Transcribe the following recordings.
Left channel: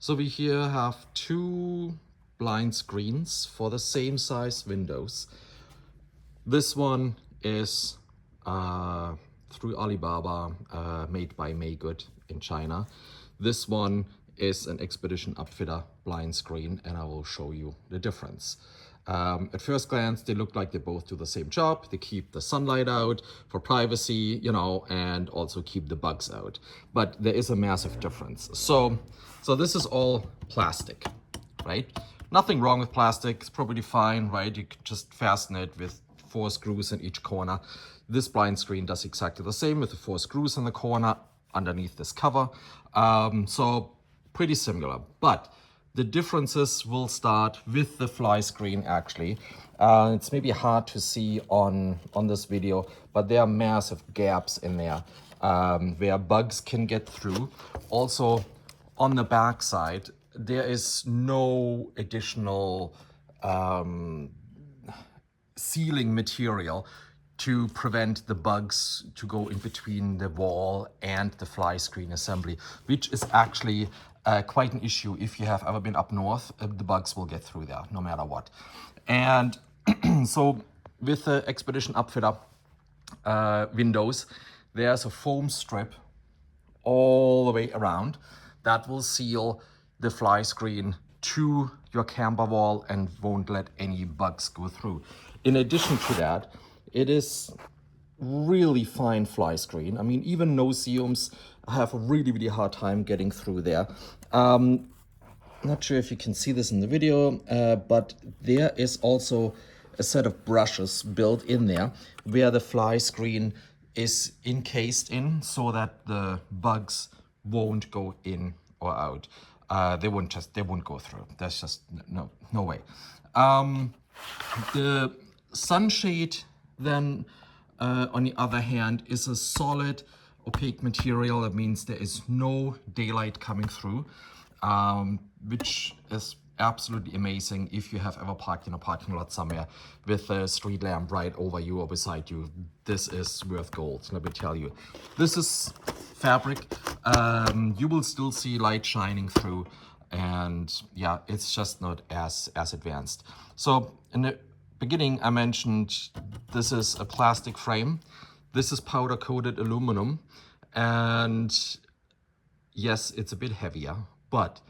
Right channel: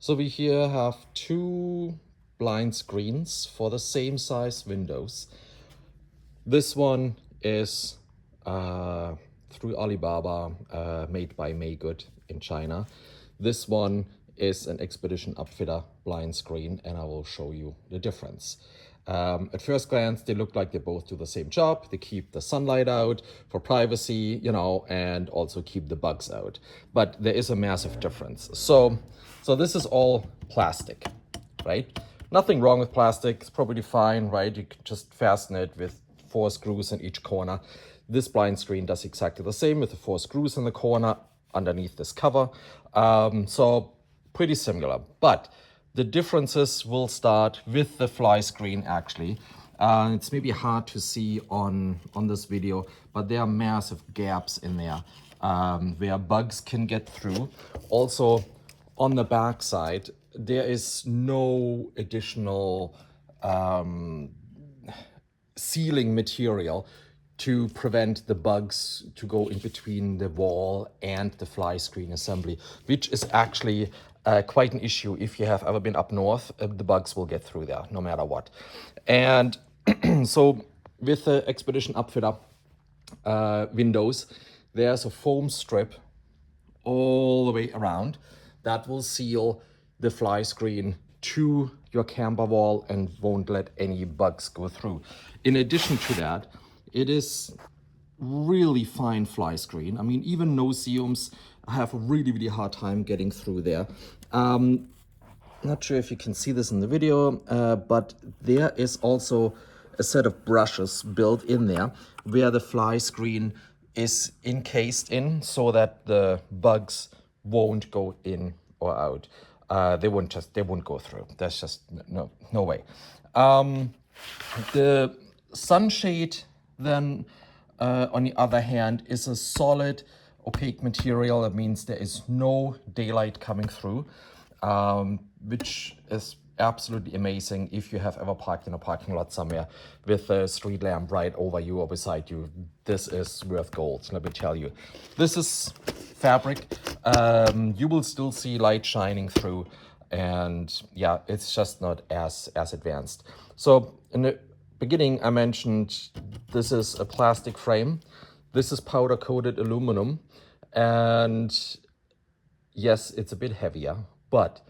So we here have two blind screens for the same size windows. This one is through Alibaba, made by Maygood in China. This one is an Expedition Upfitter blind screen, and I will show you the difference. At first glance, they look like they both do the same job. They keep the sunlight out for privacy, and also keep the bugs out. But there is a massive difference. So this is all plastic, right? Nothing wrong with plastic. It's probably fine, right? You can just fasten it with 4 screws in each corner. This blind screen does exactly the same with the 4 screws in the corner underneath this cover. So pretty similar, but the differences will start with the fly screen actually. It's maybe hard to see on this video, but there are massive gaps in there where bugs can get through. Also on the back side, there is no additional sealing material to prevent the bugs to go in between the wall and the fly screen assembly, which is actually quite an issue. If you have ever been up north, the bugs will get through there no matter what. And so with the Expedition Upfitter windows, there's a foam strip all the way around that will seal the fly screen to your camber wall and won't let any bugs go through. In addition to that, it is really fine fly screen. I mean, even no-see-ums have a really hard time getting through there. Not sure if you can see this in the video, but there is also a set of brushes built in there where the fly screen is encased in so that the bugs won't go in or out. They won't go through. There's just no way. The sunshade then on the other hand is a solid opaque material. That means there is no daylight coming through, which is absolutely amazing if you have ever parked in a parking lot somewhere with a street lamp right over you or beside you. This is worth gold, let me tell you. This is fabric. You will still see light shining through, and yeah, it's just not as advanced. So in the beginning I mentioned this is a plastic frame. This is powder coated aluminum, and yes, it's a bit heavier, but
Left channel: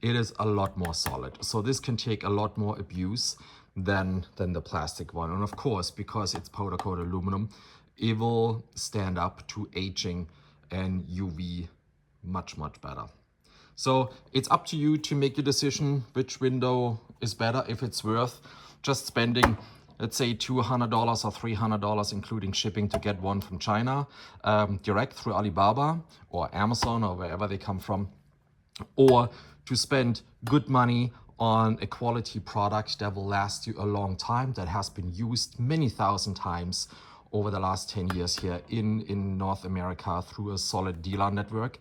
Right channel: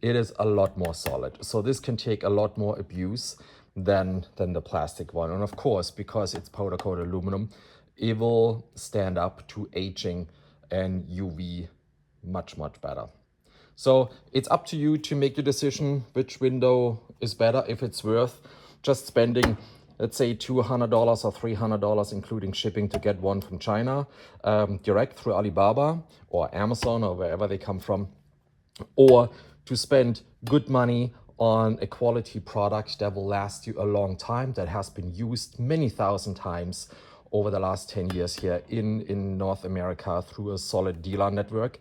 it is a lot more solid. So this can take a lot more abuse than the plastic one. And of course, because it's powder coated aluminum, it will stand up to aging and UV much better. So it's up to you to make your decision which window is better, if it's worth just spending, let's say, $200 or $300, including shipping, to get one from China, direct through Alibaba or Amazon or wherever they come from, or to spend good money on a quality product that will last you a long time, that has been used many thousand times over the last 10 years here in North America through a solid dealer network,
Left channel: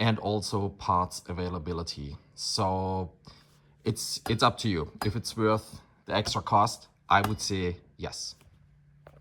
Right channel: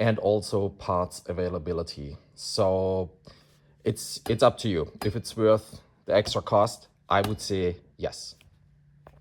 and also parts availability. So it's up to you. If it's worth the extra cost, I would say yes.